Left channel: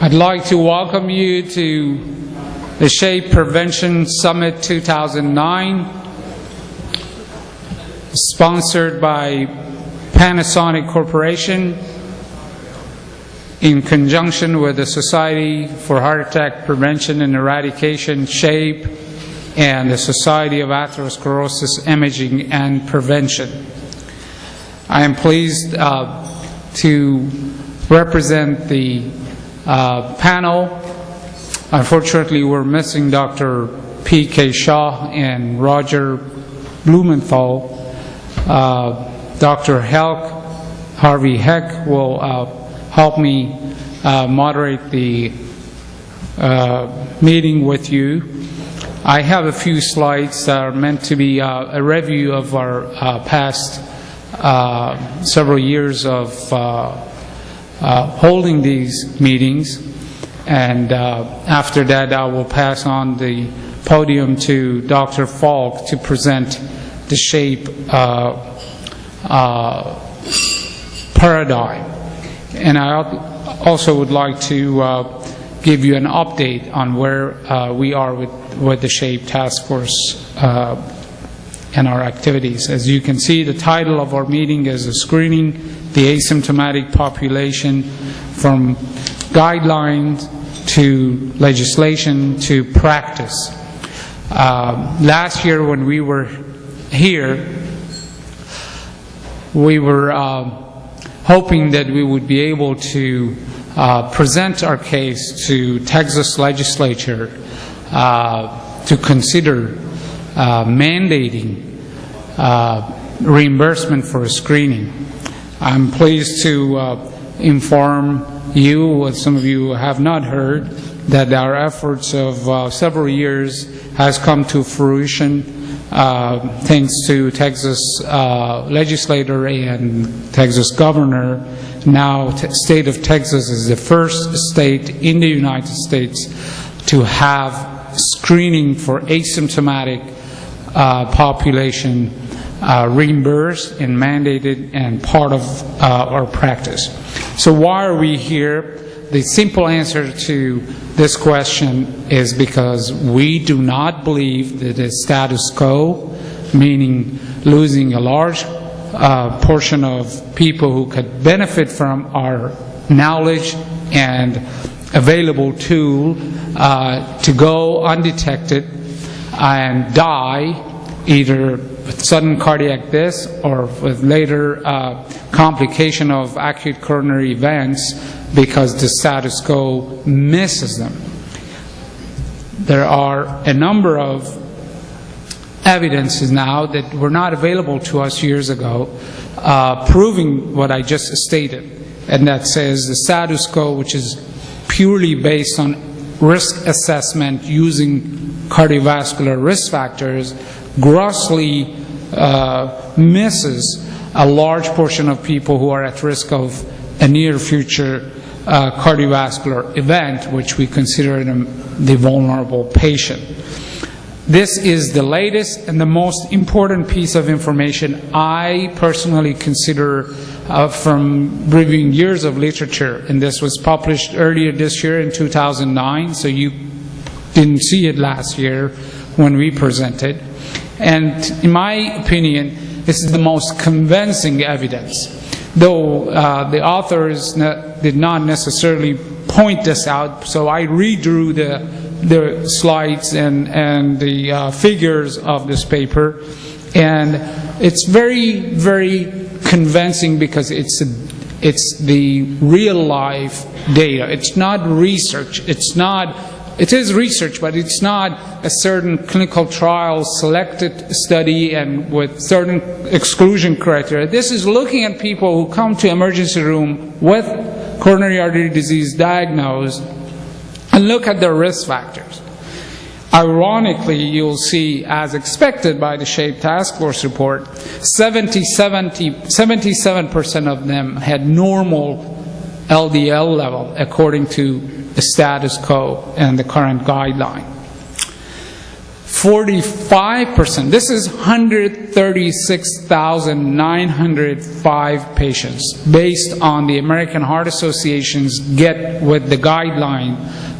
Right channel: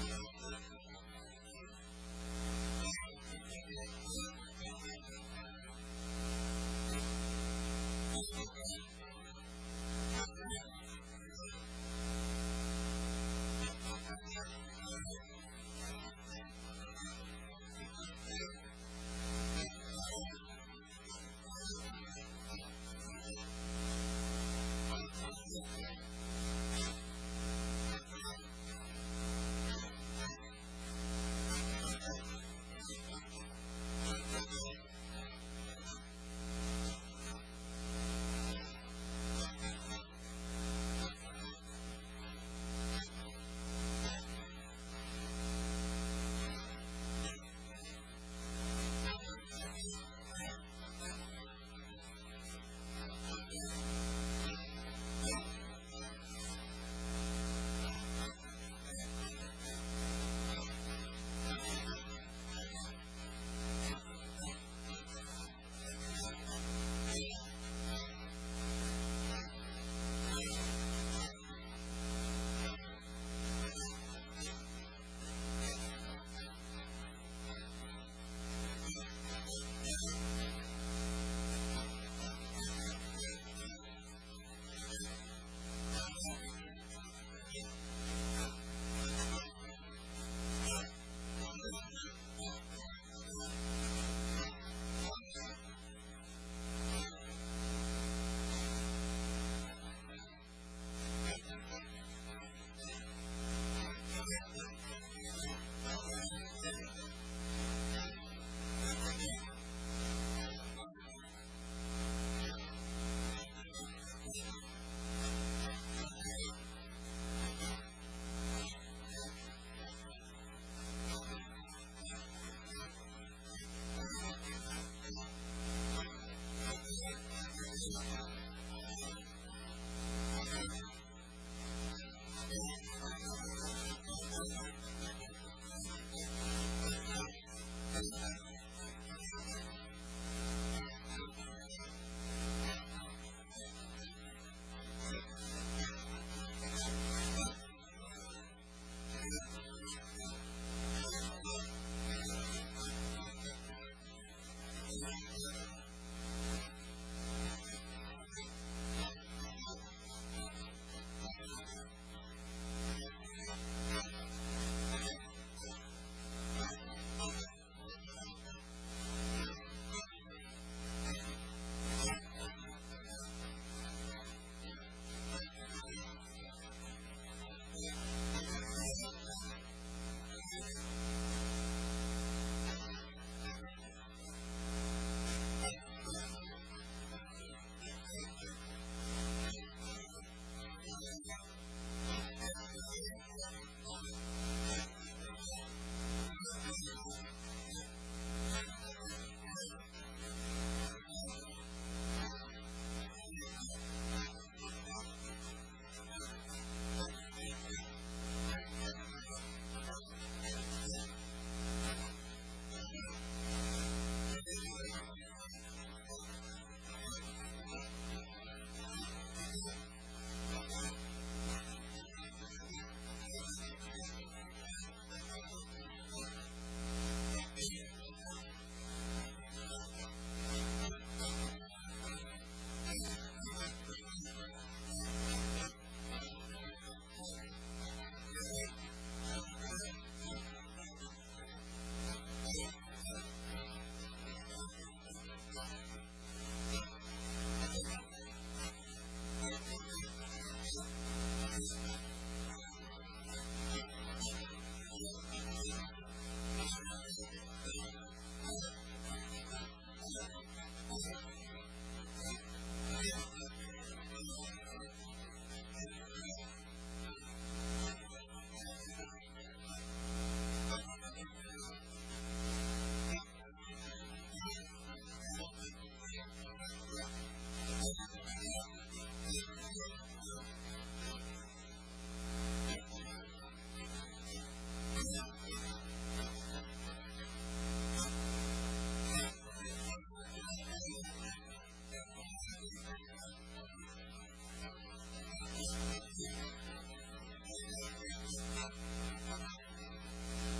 I'd like to welcome you to the SHAPE Prevention Summit 2009, sponsored by Panasonic Corporation in conjunction with the Society for Heart Attack Prevention and Eradication, SHAPE, and the Society of Atherosclerosis Imaging and Prevention. I am pleased to represent the panel. Unfortunately, we're missing Dr. P.K. Shah and Roger Blumenthal. Dr. Harvey Heck will help me moderate the meeting with you. I have a few slides that are meant to be a review of our past several years of holding these meetings, and after that I will pass on the podium to Dr. Falk to present the SHAPE paradigm. And I also would like to give you an update on where we are with the SHAPE task force and our activities. As you can see, the title of our meeting is Screening the Asymptomatic Population, from guidelines to legislation to practice. Last year when we were here, we were hoping that we would be able to present our case to Texas legislature to consider mandating reimbursement for screening. I'm pleased to inform you, what some of you have not heard, that our efforts of several years has come to fruition thanks to Texas legislator and Texas governor. Now, state of Texas is the first state in the United States to have screening for asymptomatic population reimbursed and mandated and part of our practice. So why are we here? The simple answer to this question is because we do not believe that the status quo, meaning losing a large portion of people who could benefit from our knowledge and available tool to go undetected and die either with sudden cardiac death or with later complication of acute coronary events because the status quo misses them. There are a number of evidences now that were not available to us years ago proving what I just stated, and that says the status quo, which is purely based on risk assessment using cardiovascular risk factors, grossly misses a large portion of people who are at risk of a near future cardiovascular event, which we consider the vulnerable patient. This is the latest and the most important piece of information I personally consider from reviewing years of literature, and this was published earlier this year in 2009, so you didn't see it last year when we presented. And in my opinion, this is the most convincing evidence, though the authors did not necessarily point this out, so I redrew the slides and the figures of this paper, and it's very, very convincing because it's the real life data. It's not research. It is research, but it's not a certain clinical trial selected study and with certain exclusion criteria. This is looking at people who come to emergency room with coronary artery disease diagnosed and look at their risk factors. Ironically, you'll see, as expected by the SHAPE Task Force report, 77% of them had normal LDL level according to the status quo and the current guideline. 45%, this is 136,905 patients based on the American Heart Association's Get With The Guideline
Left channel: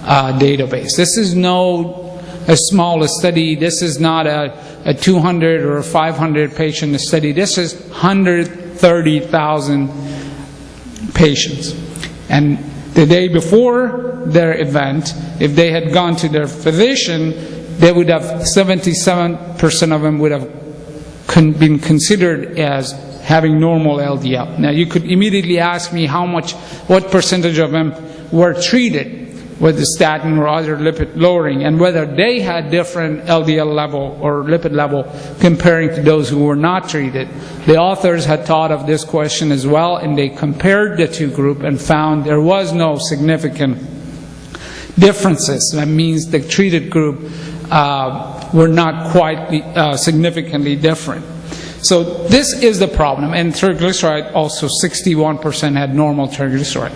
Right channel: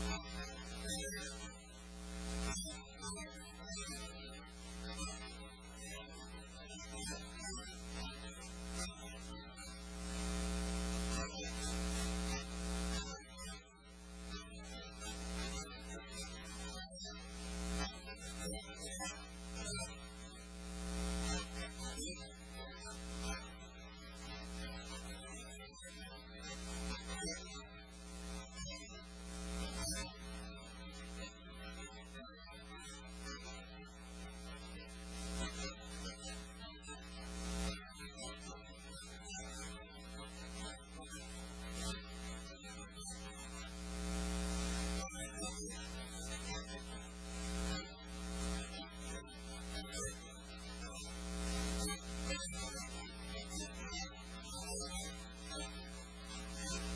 database. This is a small study. This is not a 200 or a 500 patient study. This is 130,000 patients. And the day before their event, if they had gone to their physician, they would have 77% of them would have been considered as having normal LDL. Now you could immediately ask me what percentage of them were treated with the statin or other lipid lowering, and whether they had different LDL level or lipid level comparing to those who were not treated. The authors had thought of this question as well, and they compared the two groups and found there was no significant differences. That means the treated group were not quite significantly different. So this is the problem. And triglyceride, also 61% had normal triglyceride.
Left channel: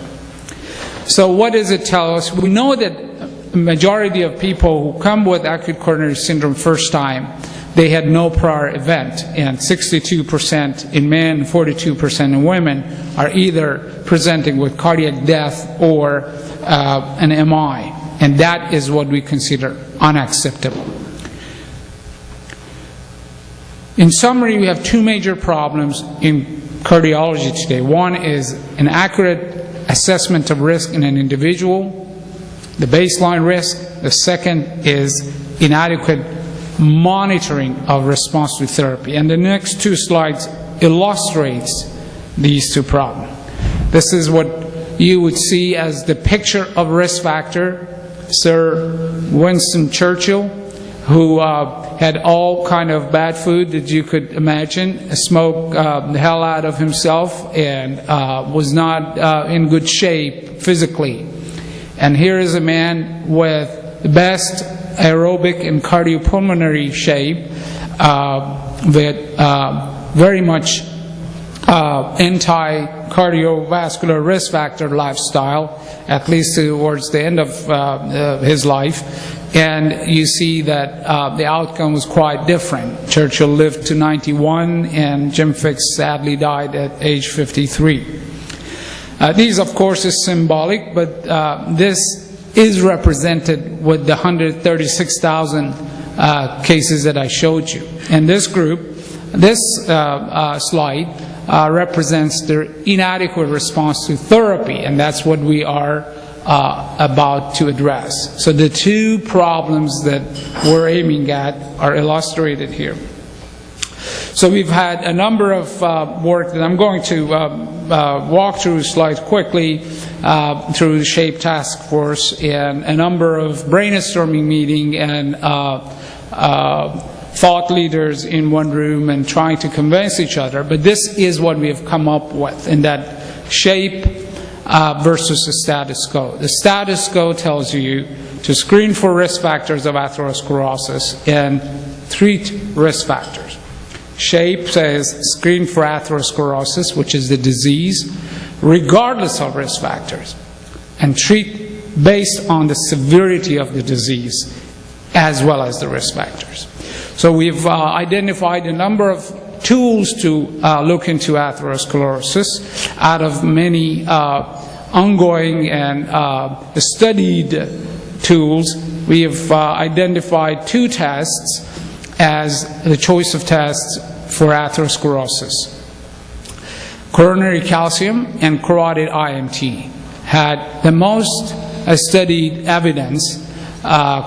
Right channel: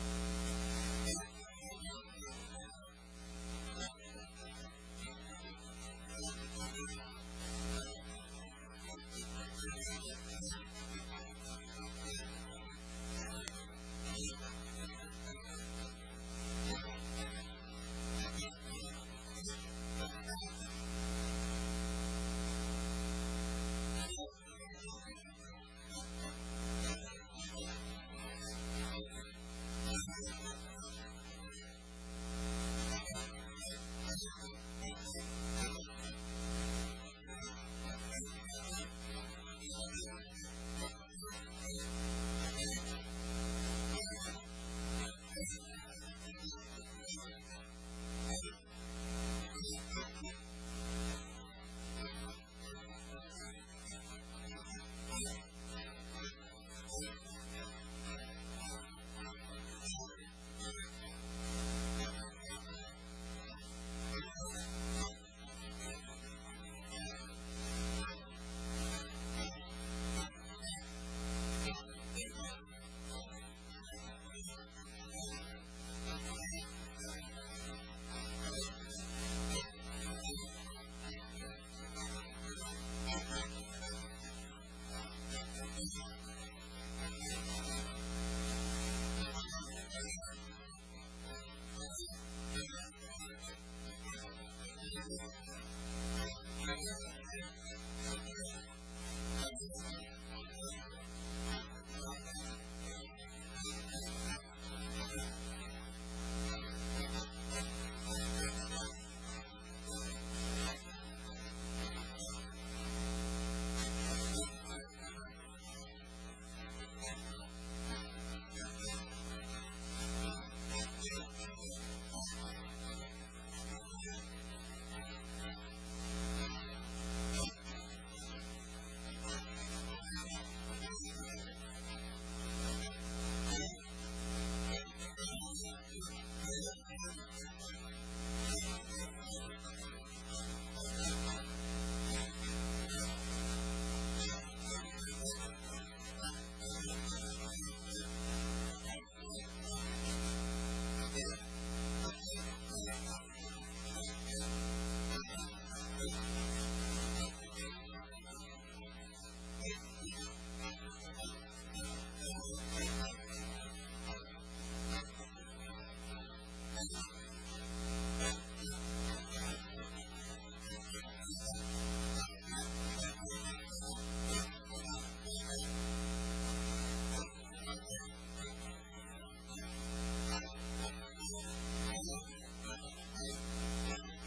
So what does it tell us? We know that the majority of people who come with acute coronary syndrome first time, they had no prior event, and 62% in men, 42% in women are either presenting with cardiac death or an MI, and that is what we consider unacceptable. In summary, we have two major problems in cardiology today. One is an accurate assessment of risk in an individual, the baseline risk. The second is inadequate monitoring of response to therapy. And the next two slides illustrates these two problems. This is what you would see as the picture of risk factor. Sir Winston Churchill, who had all kind of bad food that you could imagine, smoked the hell out of himself, and was not in good shape physically. And here is a man with the best aerobic and cardiopulmonary shape, with very much anti-cardiovascular risk factor lifestyle, at least towards the end of his life. And you see that the outcome was quite different. Churchill lived to 91, and Jim Fixx sadly died at age 53. These, of course, is symbolic, but this is represented with the 136,000 cases that I showed you. And this group, this slide represents their inadequate response to therapy, and that's what we are about to address. So the two problems that we're aiming at are illustrated here. So we've had a number of work that I'm going to walk through slides quickly through the SHAPE task force, and a number of brainstorming meeting and thought leaders in one room and trying to convince each other. But this is what we have come up with in that SHAPE versus the status quo. The status quo tells you to screen for risk factors of atherosclerosis and treat risk factors. SHAPE says screen for atherosclerosis, which is the disease, regardless of risk factors, and treat based on the severity of the disease as well as the risk factors. So we've identified a number of tools to look into atherosclerosis out of many ongoing and studied tools. We have identified two tests as the choice of tests for atherosclerosis. Coronary calcium and carotid IMT had the most studied evidence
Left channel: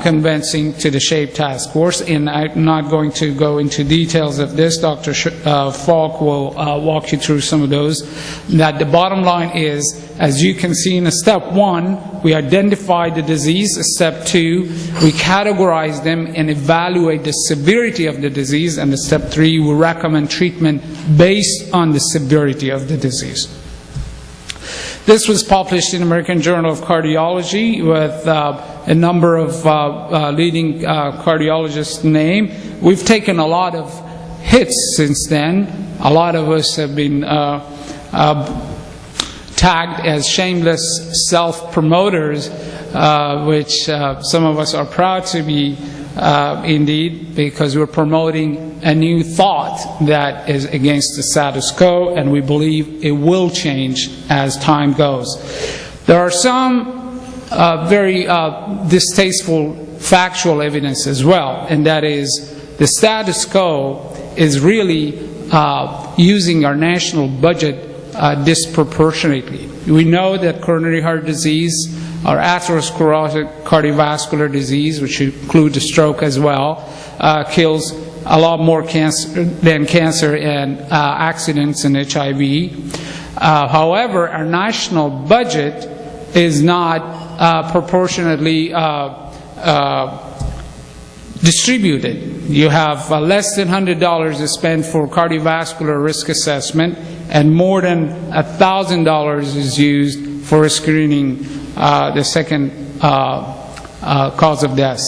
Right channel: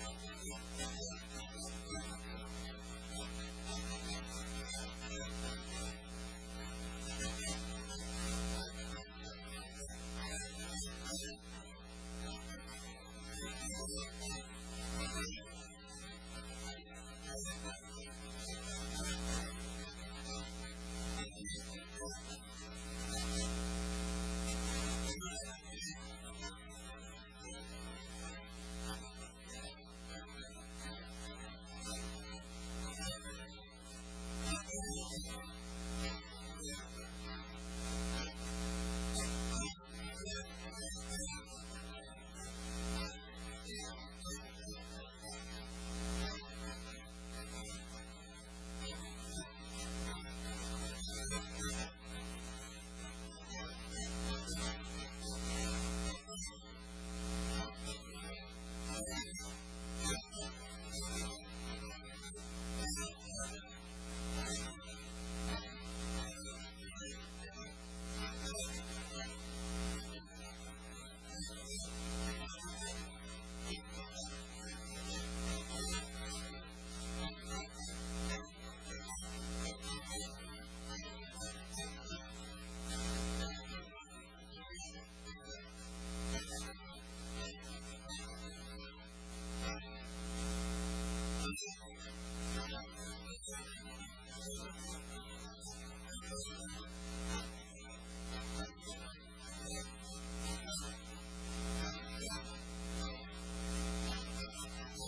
convincing to the SHAPE task force, and I'm not going to go into details of this. Dr. Falk will walk you through some of those. That the bottom line is, as you can see in step 1, we identified the disease. Step 2, we categorize them and evaluate the severity of the disease. And step 3, we recommend treatment based on the severity of the disease. This was published in American Journal of Cardiology with a number of leading cardiologists named. We've taken a lot of hits since then. A lot of us have been tagged as shameless self-promoters, which some of us are proud to be indeed, because we're promoting a new thought that is against the status quo, and we believe it will change as time goes. There are some very distasteful factual evidence as well, and that is the status quo is really using our national budget disproportionately. We know that coronary heart disease or atherosclerotic cardiovascular disease, which includes a stroke as well, kills a lot more than cancer and accidents and HIV. However, our national budget is not proportionately distributed. You have less than $100 to spend for cardiovascular risk assessment, and more than $1,000 is used for screening the second cause of death.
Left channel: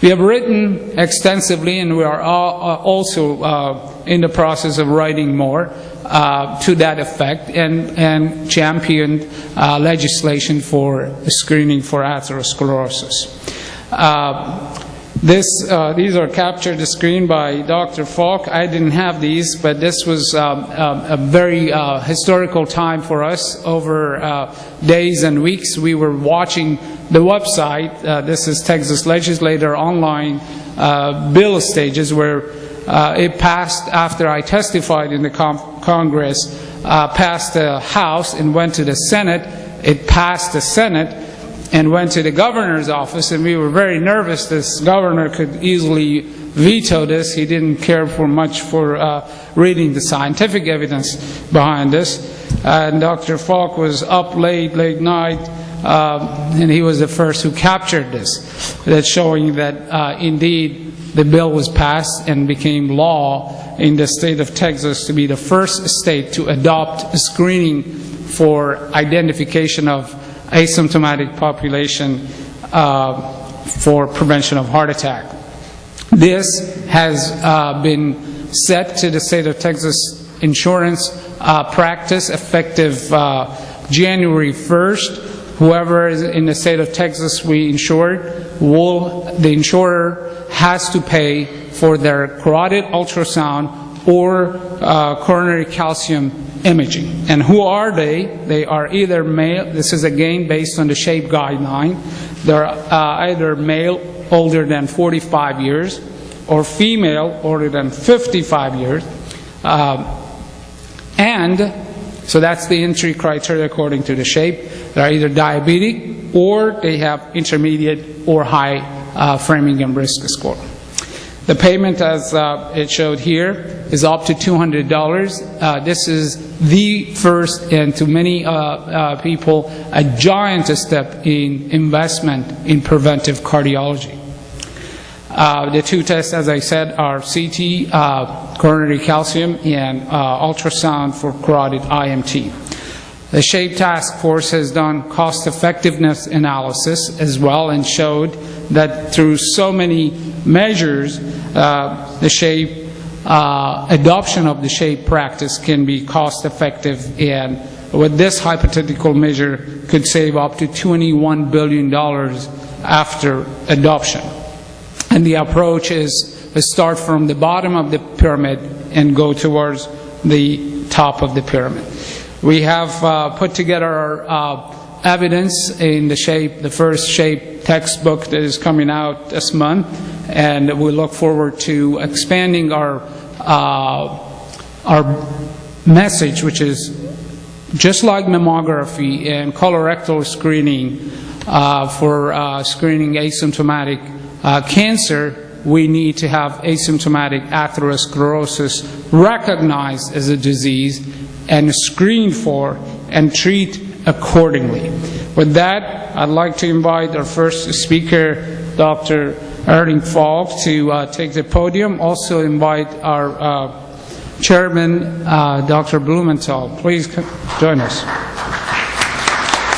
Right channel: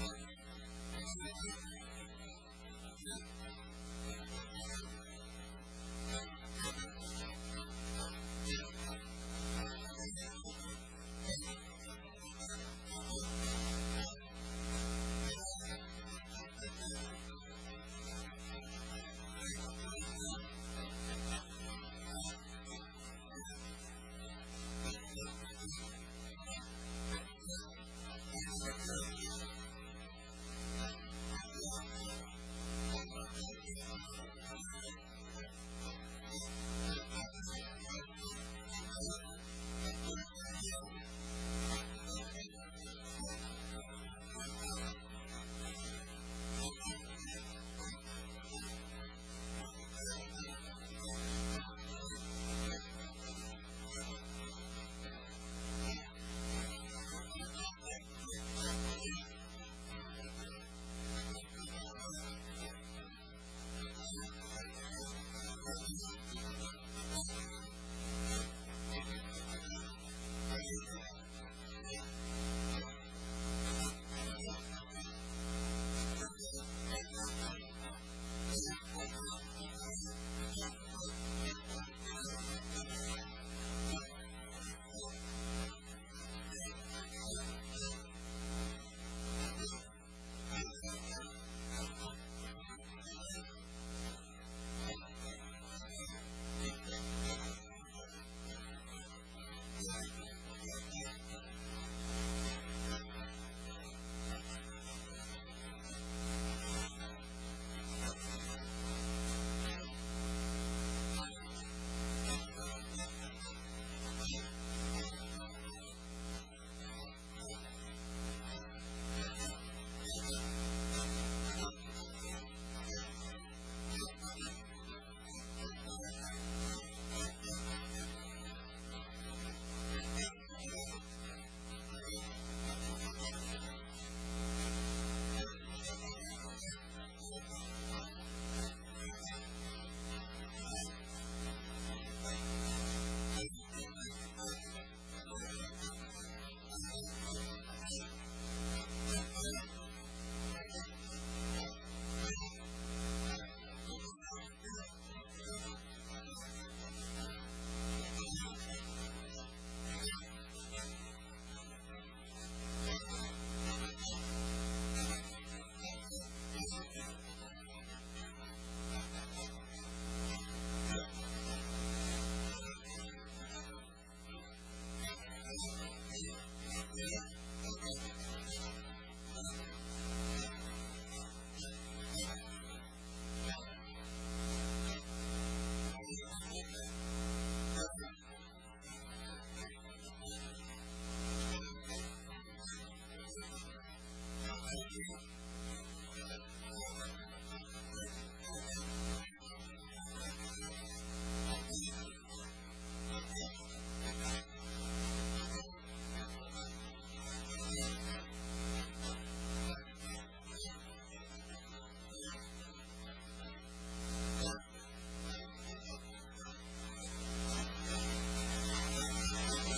We have written extensively, and we are also in the process of writing more to that effect, and championed legislation for screening for atherosclerosis. These are captured the screen by Dr. Falk. I didn't have these, but this was a very historical time for us. Over days and weeks, we were watching the website. This is Texas Legislator online bill stages, where it passed after I testified in the Congress, passed the House and went to the Senate. It passed the Senate and went to the governor's office, and we were very nervous. This governor could easily veto this. He didn't care for much for reading the scientific evidence behind this. And Dr. Falk was up late night, and he was the first who captured this. That's showing that indeed the bill was passed and became law in the state of Texas to be the first state to adopt screening for identification of asymptomatic population for prevention of heart attack. This has been set to the state of Texas insurance practice effective January 1st. Whoever is in the state of Texas we insured, the insurer has to pay for their carotid ultrasound or coronary calcium imaging. And who are they? They are either male, this is again based on the SHAPE guideline, they're either male older than 45 years or female older than 55 years. And so that's the entry criteria according to the SHAPE. They're either diabetic or they have intermediate or high Framingham risk score. The payment, as it showed here, is up to $200. This is the first, and to many people, a giant step in investment in preventive cardiology. The two tests, as I said, are CT, coronary calcium, and ultrasound for carotid IMT. The SHAPE task force has done cost-effectiveness analysis as well and showed that through so many measures, the SHAPE adoption of the SHAPE practice can be cost-effective, and with this hypothetical measure could save up to $21 billion after adoption. And the approach is to start from the bottom of the pyramid and go towards the top of the pyramid. We have put together our evidence in the SHAPE, the first SHAPE textbook that is coming out this month, and we look forward to expanding our message, which is just like mammography and colorectal screening for screening asymptomatic cancer. We need to have asymptomatic atherosclerosis recognized as a disease and screened for and treat accordingly. With that, I'd like to invite our first speaker, Dr. Erling Falk, to take the podium. Also invite our chairman, Dr. Blumenthal. Please join us.